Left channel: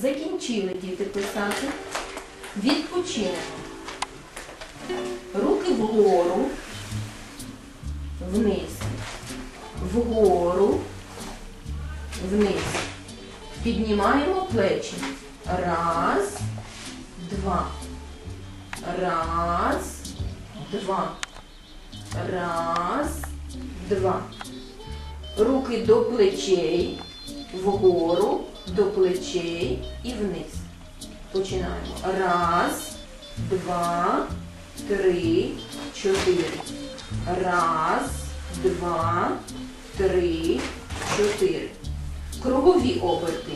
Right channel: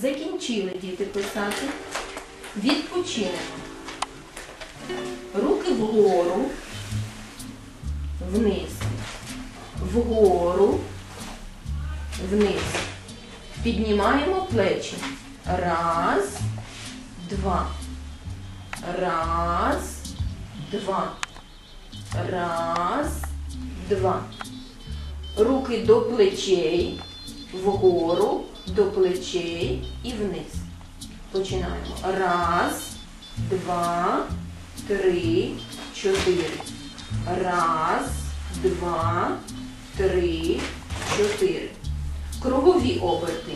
Закінчили діти писати. Відпочинемо. Руки вгору, вниз, вгору, вниз. Піднімаємо плечі. Раз, два. Раз, два. Раз, два. Руки до плечей, вгору, до плечей і вниз. Починаємо. Раз, два, три, чотири. Раз, два, три, чотири. Кругові оберти.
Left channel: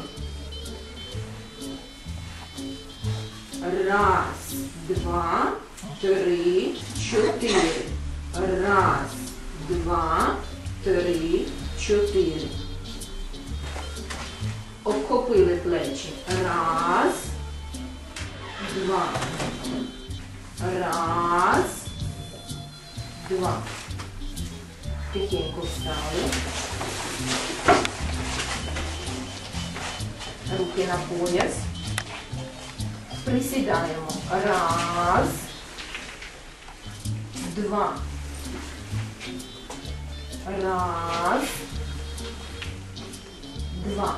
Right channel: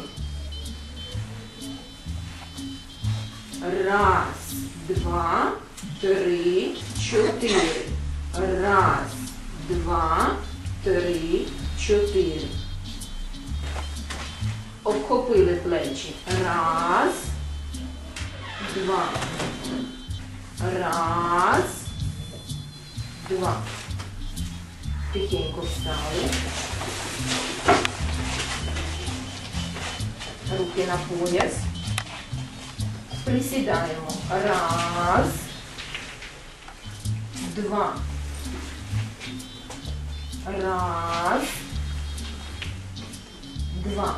Раз, два, три, чотири. Раз, два, три, чотири. Обхопили плечі. Раз, два. Раз, два. Тихенько встали. Руки на пояс. Присідаємо. Раз, два. Раз, два.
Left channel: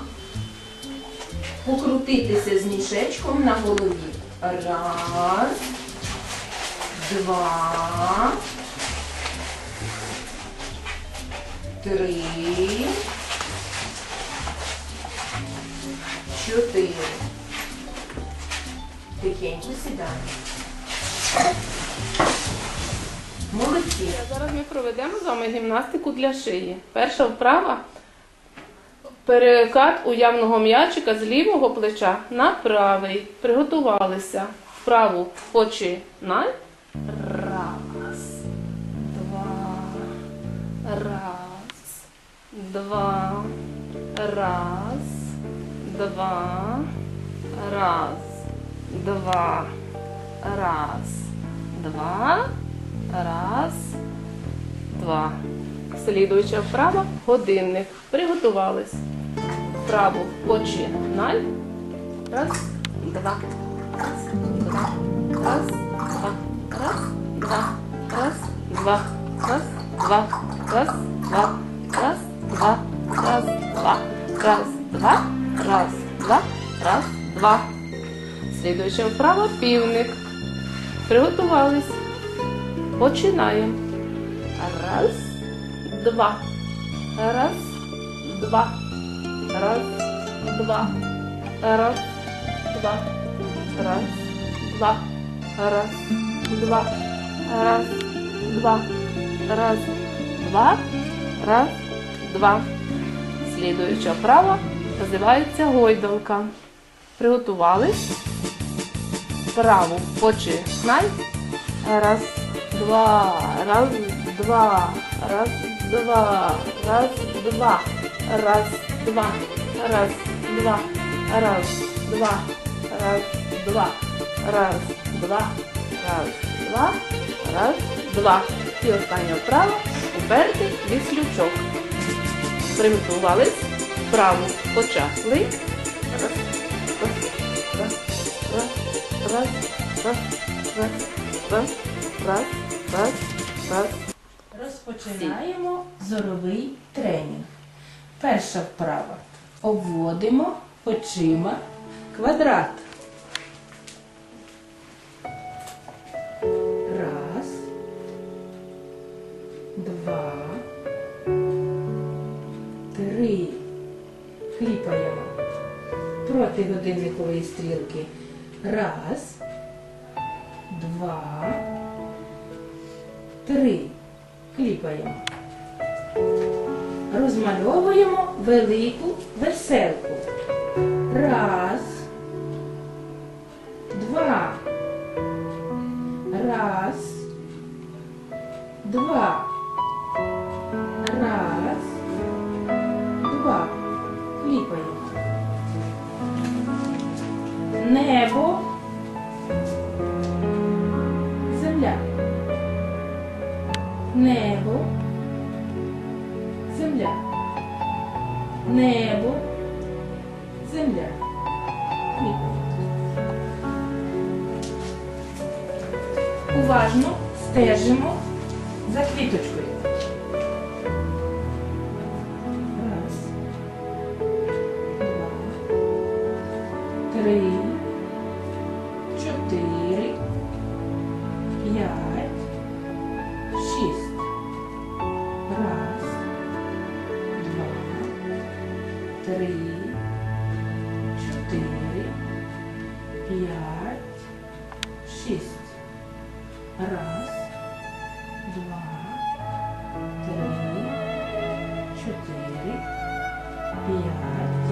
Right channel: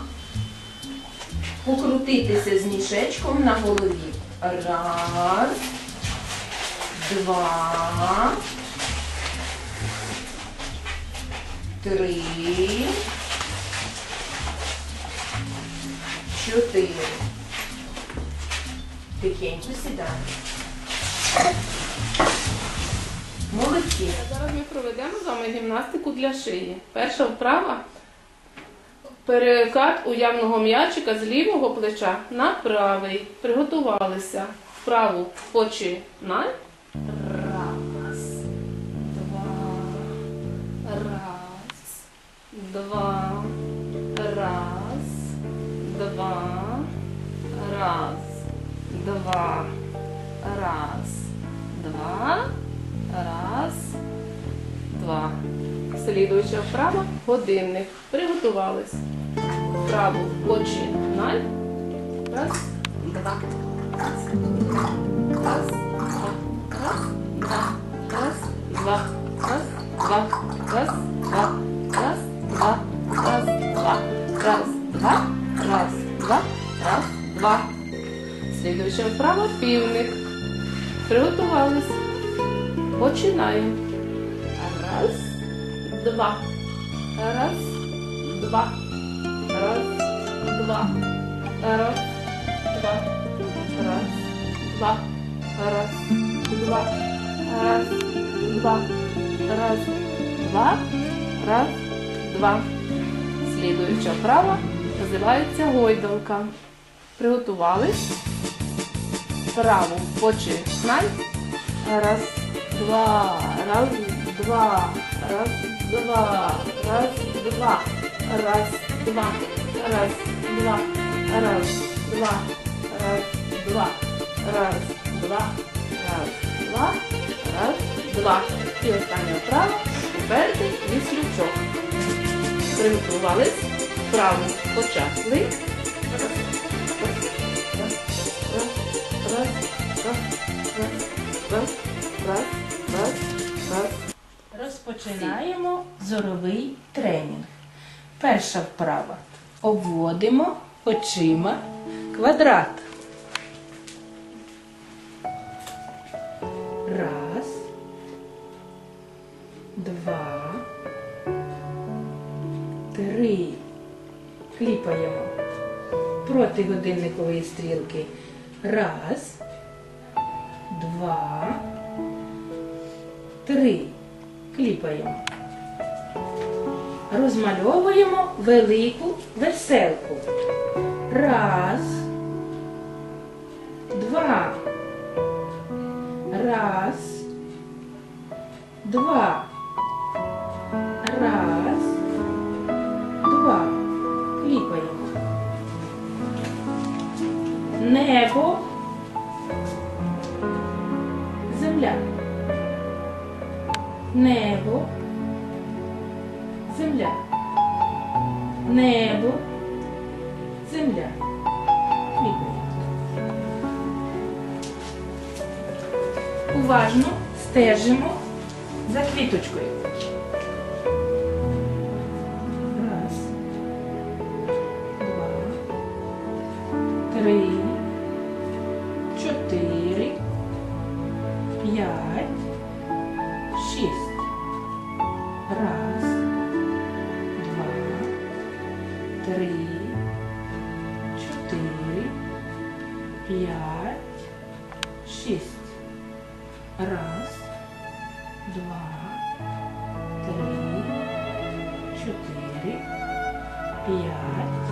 Покрутитися з мішечком на голові. Раз, два, три, чотири. Тихенько сідаємо. Молодці. Зараз ми проведемо з вами гімнастику для шиї. Перша вправа перекат уявного м'ячика з лівого плеча на правий. Приготувалися. Вправу починай. Раз, два, раз, два, раз, два, раз, два, раз, два. Раз, два. Слідуюча вправа годинник. Приготувались. Вправу починай. Раз, два. Раз, два. Раз, два. Раз, два. Раз, два. Раз, два. Раз, два. Раз, два. Раз, два. Раз, два. Раз, два. Раз, два. Слідуюча вправа півник. Приготувались. Починаємо. Раз, два. Раз, два. Раз, два. Раз, два. Раз, два. Раз, два. Раз, два. Раз, два. Раз, два. Слідуюча вправа називається гойдалка. Приготувались. Вправу починай. Раз, два, раз, два, раз, два, раз, два, раз, два, раз, два, раз, два, раз, два, раз, два, раз, два, раз, два. І остання вправа упертий віслючок. Приготувались. Вправу почали. Раз, раз, раз, раз, раз, раз, раз, раз, раз, раз, раз. Розпочинаємо зоровий тренінг. Перша вправа. Обводимо очима квадрат. Раз. Два. Три. Кліпаємо проти годинникової стрілки. Раз. Два. Три. Кліпаємо. Розмальовуємо велику веселку. Раз. Два. Раз. Два. Раз. Два. Кліпаємо. Небо. Земля. Небо. Земля. Уважно стежимо за квіточкою. Три, чотири, п'ять, шість. Раз, два, три, чотири, п'ять,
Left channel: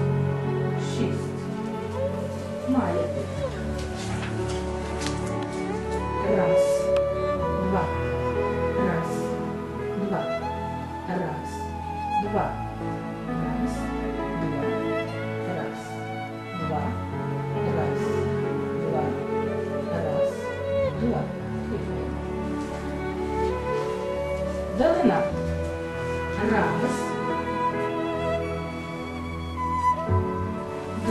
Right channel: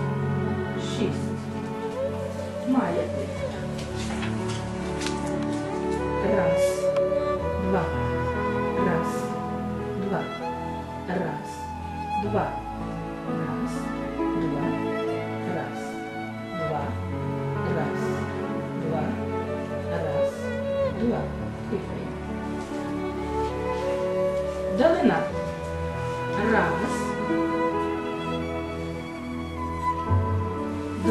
шість. Маєте. Раз,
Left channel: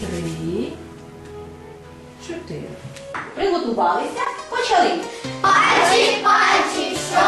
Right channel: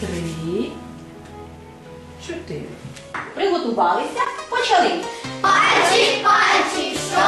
Три. Чотири. Приготувалися, почали. Пальчик, пальчик, що